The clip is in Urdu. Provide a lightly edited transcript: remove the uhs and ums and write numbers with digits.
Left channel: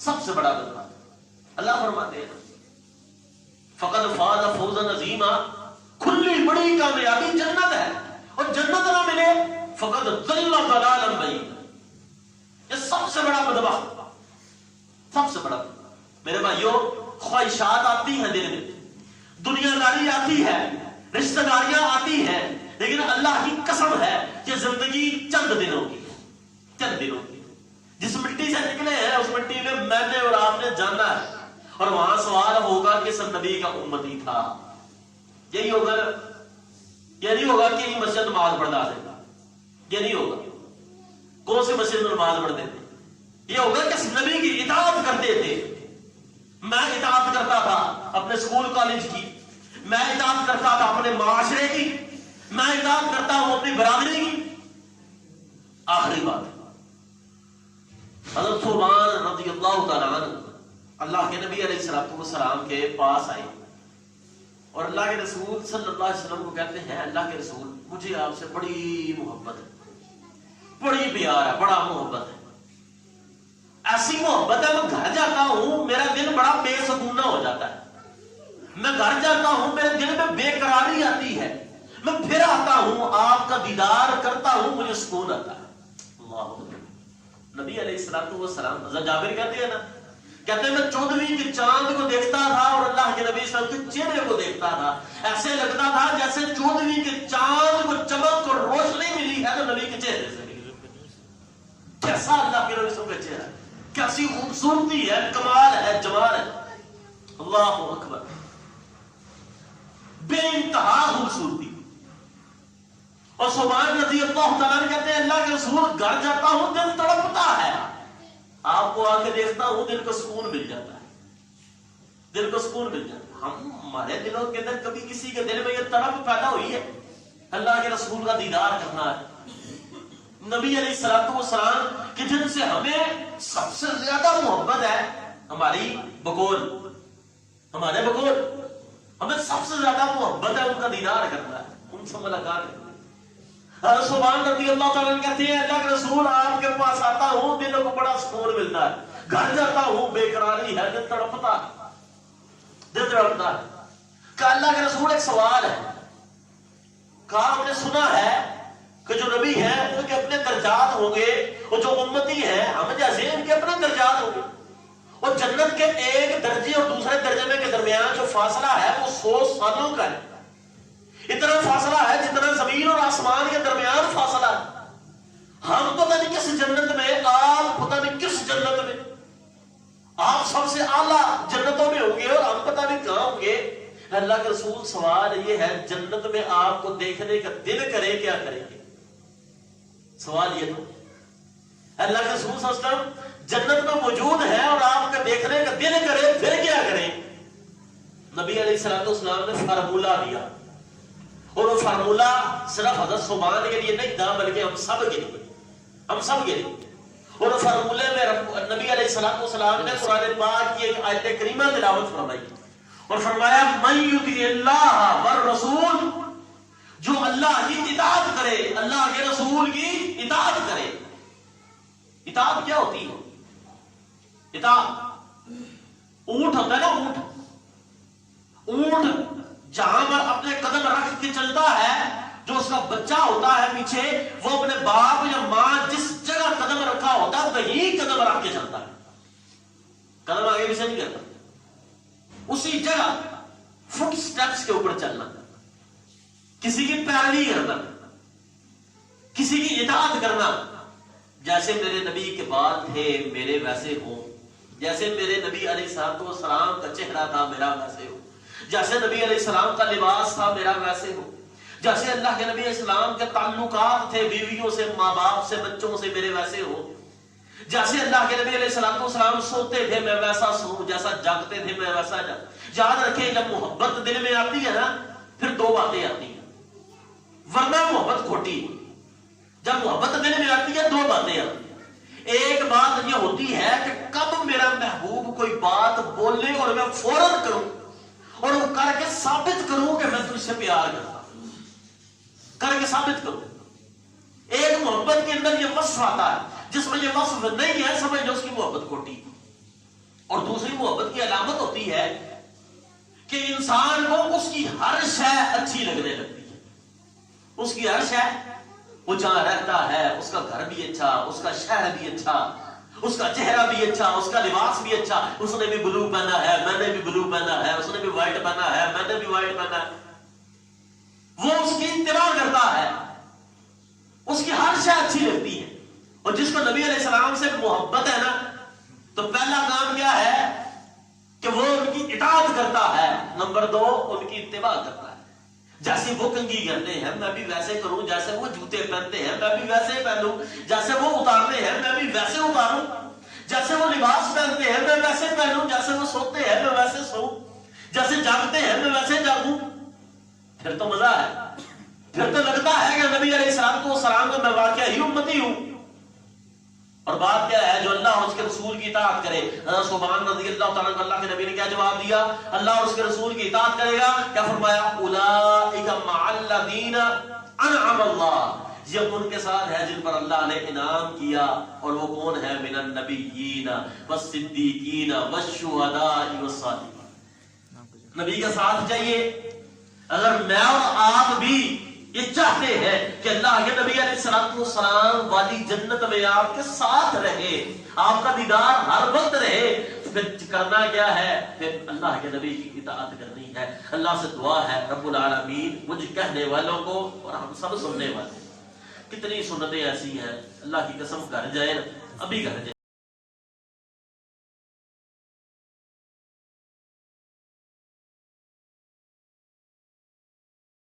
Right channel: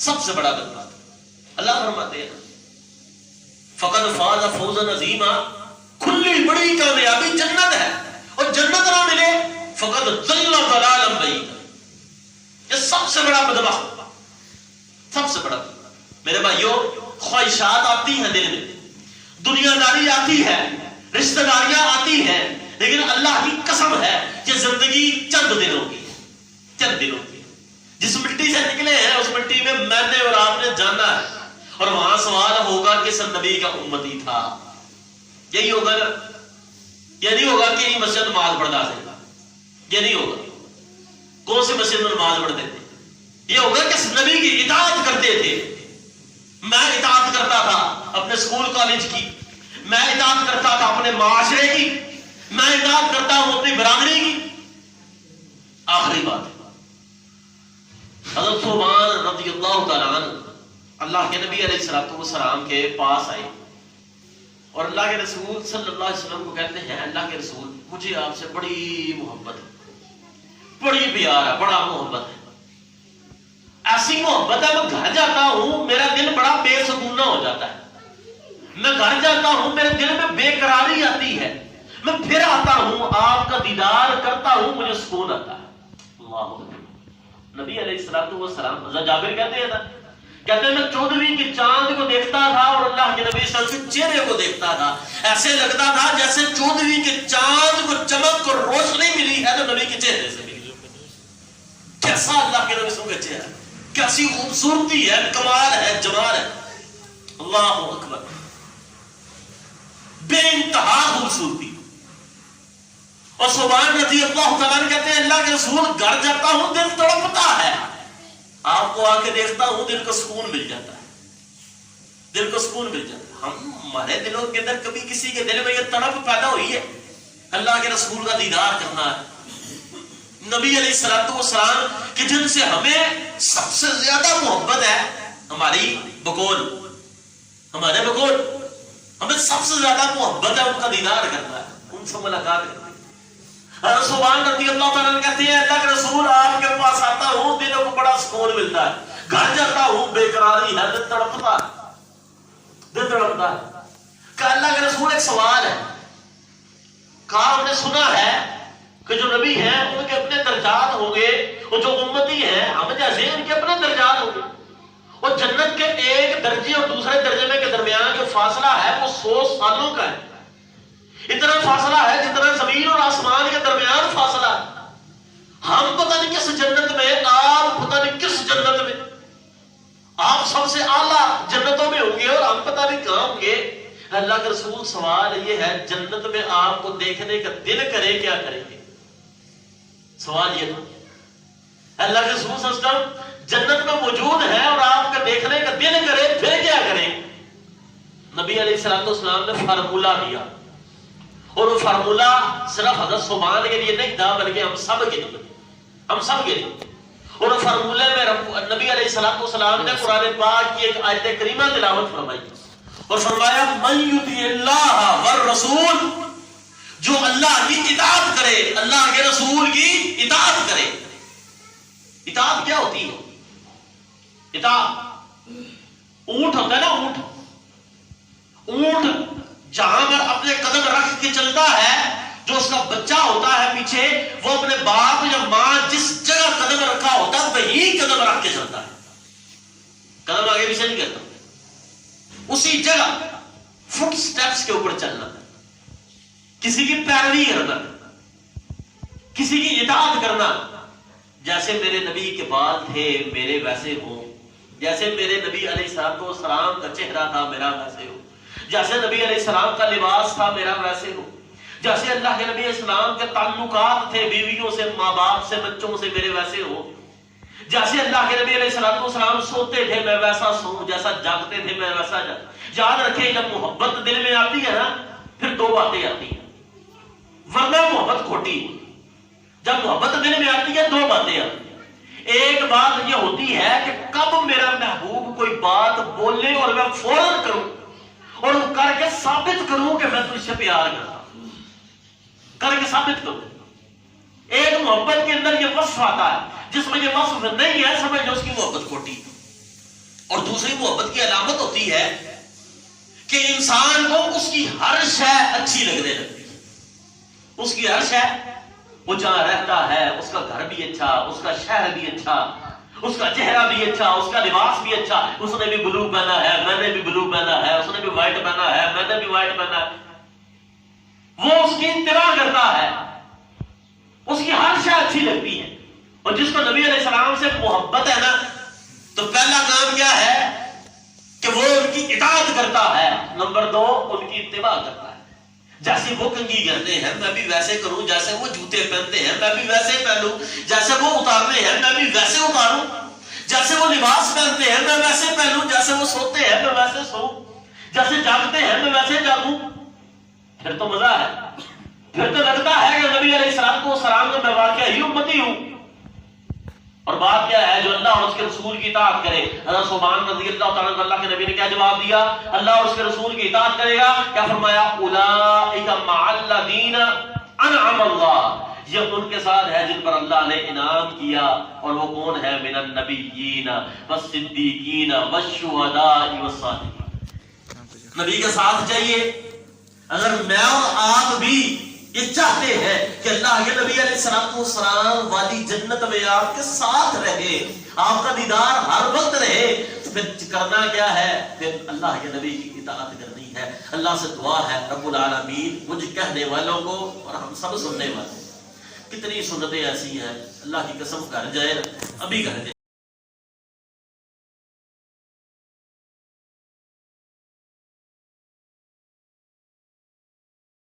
سب سے بڑا بدبخت. اللہ فرماتے ہیں فقد فاز فوزا عظیما، کھلی بڑی کامیابی جنت ہے، اور جنت نہ ملے فقد ضل ضلالا بعیدا. یہ سب سے بڑا بدبخت، سب سے بڑا بدبخت. میرے بھائیوں، خواہشات آتی ہیں دل میں، دنیا داری آتی ہے، رشتہ داریاں آتی ہیں، لیکن اللہ کی قسم ہے کہ زندگی چند دنوں کی، چند دنوں کی. جس مٹی سے نکلے ہیں اس مٹی میں میں نے اور آپ نے جانا ہے، اور وہاں سوال ہوگا کہ سر نبی کا امتی تھا. یہی ہوگا نا. یہ نہیں ہوگا کہ یہ مسجد نماز پڑھتا تھا، یہ نہیں ہوگا. کون سی مسجد میں نماز پڑھتے تھے؟ یہ ہوگا کہ نبی کی اطاعت کرتے تھے. میں اطاعت کرتا تھا اپنے اسکول کالج کی، میں اطاعت کرتا تھا اپنے معاشرے کی، میں اطاعت کرتا ہوں اپنی برادری کی. آخری بات ہے، حضرت ثوبان رضی اللہ تعالیٰ عنہ اللہ کے نبی علیہ الصلوۃ والسلام کے پاس آئے، اور اللہ کے رسول صلی اللہ علیہ وسلم کو کہتے ہیں اللہ کے رسول مجھے آپ سے بڑی محبت ہے، بڑی پیار ہے، بڑا محبت ہے. ایسی محبت ہے میں گھر جاتا ہوں میرا دل بڑا بے سکونہ ہو جاتا ہے. میں گھر جاتا ہوں میرے دل میں بے قراری آتی ہے، میں پھر آتا ہوں آپ کا دیدار کرتا ہوں مجھے سکون آتا ہے. اللہ نبی علیہ الصلوۃ والسلام حضرت جابر کہتے ہیں نا، کہتے ہیں میں 14ویں کی چاند کو دیکھتا تھا اور اللہ کے نبی صلی اللہ علیہ وسلم کے چہرے کو دیکھتا تھا، ایسے لگتا تھا جیسے 14ویں کے چاند کو چمک اور روشنی ملی ہے تو نبی کے چہرے سے ملی. کیسا اللہ کے نبی صلی اللہ علیہ وسلم کا چہرہ، کیسی خوبصورتی ہے، کمال ہے، جمال ہے. اللہ اکبر، بے انتہا خوبصورتی. اور ثوبان رضی اللہ تعالیٰ کہتے ہیں اللہ کے رسول گھر جاتا ہوں دل تڑپتا ہے، آپ کو آ کے دیکھتا ہوں دل کو سکون مل جاتا ہے، دل کو سکون مل جاتا ہے. ہمارے دلوں کے اندر کبھی کسی کے دل میں یہ تڑپ پیدا ہوئی ہے اللہ کے رسول کا دیدار کرنا ہے؟ نبی علیہ الصلوۃ والسلام کہ جن سے ہمیں سب سے زیادہ محبت ہے، ہماری بقول، ہمارے بقول ہمیں سب سے زیادہ محبت ہے، ان کا دیدار کرنا ہے، ان سے ملاقات کرنا ہے. ثوبان رضی اللہ تعالیٰ کہتے ہیں اللہ کے رسول آپ کے پاس آتا ہوں دلوں کو بڑا سکون ملتا ہے، گھر جاتا ہوں بے قراری ہے، دل تڑپتا ہے، دل تڑپتا ہے. کہ اللہ کے رسول ایک سوال ہے، کہا ہم نے سنا ہے کہ جو نبی ہیں ان کے اپنے درجات ہوں گے، اور جو امتی ہیں ہم جیسے ان کے اپنے درجات ہوں گے، اور جنت کے ایک درجے اور دوسرے درجے میں کے درمیان جو فاصلہ ہے وہ 100 سالوں کا ہے. اتنا فاصلہ ہے جتنا زمین اور آسمان کے درمیان فاصلہ ہے. ہم پتہ نہیں کس جنت میں، آپ پتہ نہیں کس جنت میں، آپ سب سے اعلیٰ جنتوں میں ہوں گے اور ہم پتہ نہیں کہاں ہوں گے. اللہ کے رسول سوال یہ ہے جنت میں آپ کو دیکھنے کا دل کرے کیا کریں گے؟ سوال یہ تھا. اللہ کے رسول صلی اللہ علیہ وسلم جنت میں موجود ہے اور آپ کا دیکھنے کا دل کرے پھر کیا کریں؟ نبی علیہ الصلوۃ والسلام نے فارمولہ دیا، اور وہ فارمولہ صرف حضرت ثوبان کے لیے نہیں تھا بلکہ ہم سب کے لیے، ہم سب کے لیے. اور فارمولے میں نبی علیہ الصلوۃ والسلام نے قرآن پاک کی ایک آیت کریمہ تلاوت فرمائی اور فرمایا من یطیع اللہ والرسول، جو اللہ کی اطاعت کرے، اللہ کے رسول کی اطاعت کرے. اطاعت کیا ہوتی ہے؟ اطاعت اونٹ ہوتا ہے نا، اونٹ جہاں پر اپنے قدم رکھ کے چلتا ہے، جو اس کا بچہ ہوتا ہے پیچھے وہ اپنے باپ یا ماں جس جگہ قدم رکھا ہوتا ہے وہی قدم رکھ کے چلتا ہے، قدم آگے پیچھے نہیں کرتا، اسی جگہ فٹ سٹیپس کے اوپر چلنا، کسی کی پیروی کرنا، کسی کی اطاعت کرنا. جیسے میرے نبی کے بال تھے میرے ویسے ہوں، جیسے میرے نبی علیہ السلام کو سلام کا چہرہ تھا میرا ویسے ہو، جیسے نبی علیہ السلام کا لباس تھا میرا ویسے ہو، جیسے اللہ کے نبی علیہ السلام کے تعلقات تھے بیویوں سے، ماں باپ سے، بچوں سے میرے ویسے ہو، جیسے اللہ کے نبی علیہ السلام سوتے تھے میں ویسا سوؤں، جیسا جاگتے تھے میں ویسا جاگوں. یاد رکھیں جب محبت دل میں آتی ہے نا پھر دو باتیں آتی ہیں، ورنہ محبت کھوٹی. جب محبت دل میں آتی ہے دو باتیں آتی ہیں. ایک بات یہ ہوتی ہے کہ کب میرا محبوب کوئی بات بولے اور میں فوراً کروں اور وہ کر کے ثابت کروں کہ میں تجھ سے پیار کرتا ہوں، کر کے ثابت کروں. ایک محبت کے اندر یہ وصف آتا ہے، جس میں یہ وصف نہیں ہے سمجھ لو اس کی محبت کھوٹی. اور دوسری محبت کی علامت ہوتی ہے کہ انسان کو اس کی ہر شے اچھی لگنے لگتی ہے. اس کی ہر شے، وہ جہاں رہتا ہے اس کا گھر بھی اچھا، اس کا شہر بھی اچھا، اس کا چہرہ بھی اچھا، اس کا لباس بھی اچھا. اس نے بھی بلو پہنا ہے، میں نے بھی بلو پہنا ہے، اس نے بھی وائٹ پہنا ہے، میں نے بھی وائٹ پہنا ہے. وہ اس کی اتباع کرتا ہے، اس کی ہر شے اچھی لگتی ہے. اور جس کو نبی علیہ السلام سے محبت ہے نا، تو پہلا کام کیا ہے کہ وہ ان کی اطاعت کرتا ہے. نمبر 2، ان کی اتباع کرتا ہے. جیسے وہ کنگھی کرتے ہیں میں بھی ویسے کروں، جیسے وہ جوتے پہنتے ہیں میں بھی ویسے پہنوں، جیسے وہ اتارتے ہیں میں بھی ویسے اتاروں، جیسے وہ لباس پہنتے ہیں میں ویسے پہنوں، جیسے وہ سوتے ہیں میں ویسے سوؤں، جیسے جاگتے ہیں میں ویسے جاگوں. پھر تو مزہ ہے، پھر تو لگتا ہے کہ نبی علیہ السلام کا میں واقعہ ہی امتی ہوں. اور بات کیا ہے؟ جو اللہ اور اس کے رسول کی اطاعت کرے. صوبان رضی اللہ تعالیٰ عنہ، اللہ کے نبی نے کیا جواب دیا؟ اللہ اور اس کے رسول کی اطاعت کرے گا، کیا فرمایا؟ اولئک مع الذین انعم اللہ، یہ ان کے ساتھ ہے جن پر اللہ نے انعام کیا. اور وہ کون ہے؟ من النبیین والصدیقین والشہداء والصالحین. نبی کے ساتھ جائیے. اگر میں اور آپ بھی یہ چاہتے ہیں کہ اللہ کے نبی علیہ السلام والی جنت میں آپ کے ساتھ رہے، آپ کا دیدار ہر وقت رہے، تو پھر کرنا کیا ہے؟ پھر اللہ کے نبی کی اطاعت کرنی ہے. اللہ سے دعا ہے رب العالمین مجھ کہنے والوں کو اور ہم سب سننے والے. کتنی سنتیں ایسی ہیں اللہ کی قسم کر جائے، ابھی کر جائے.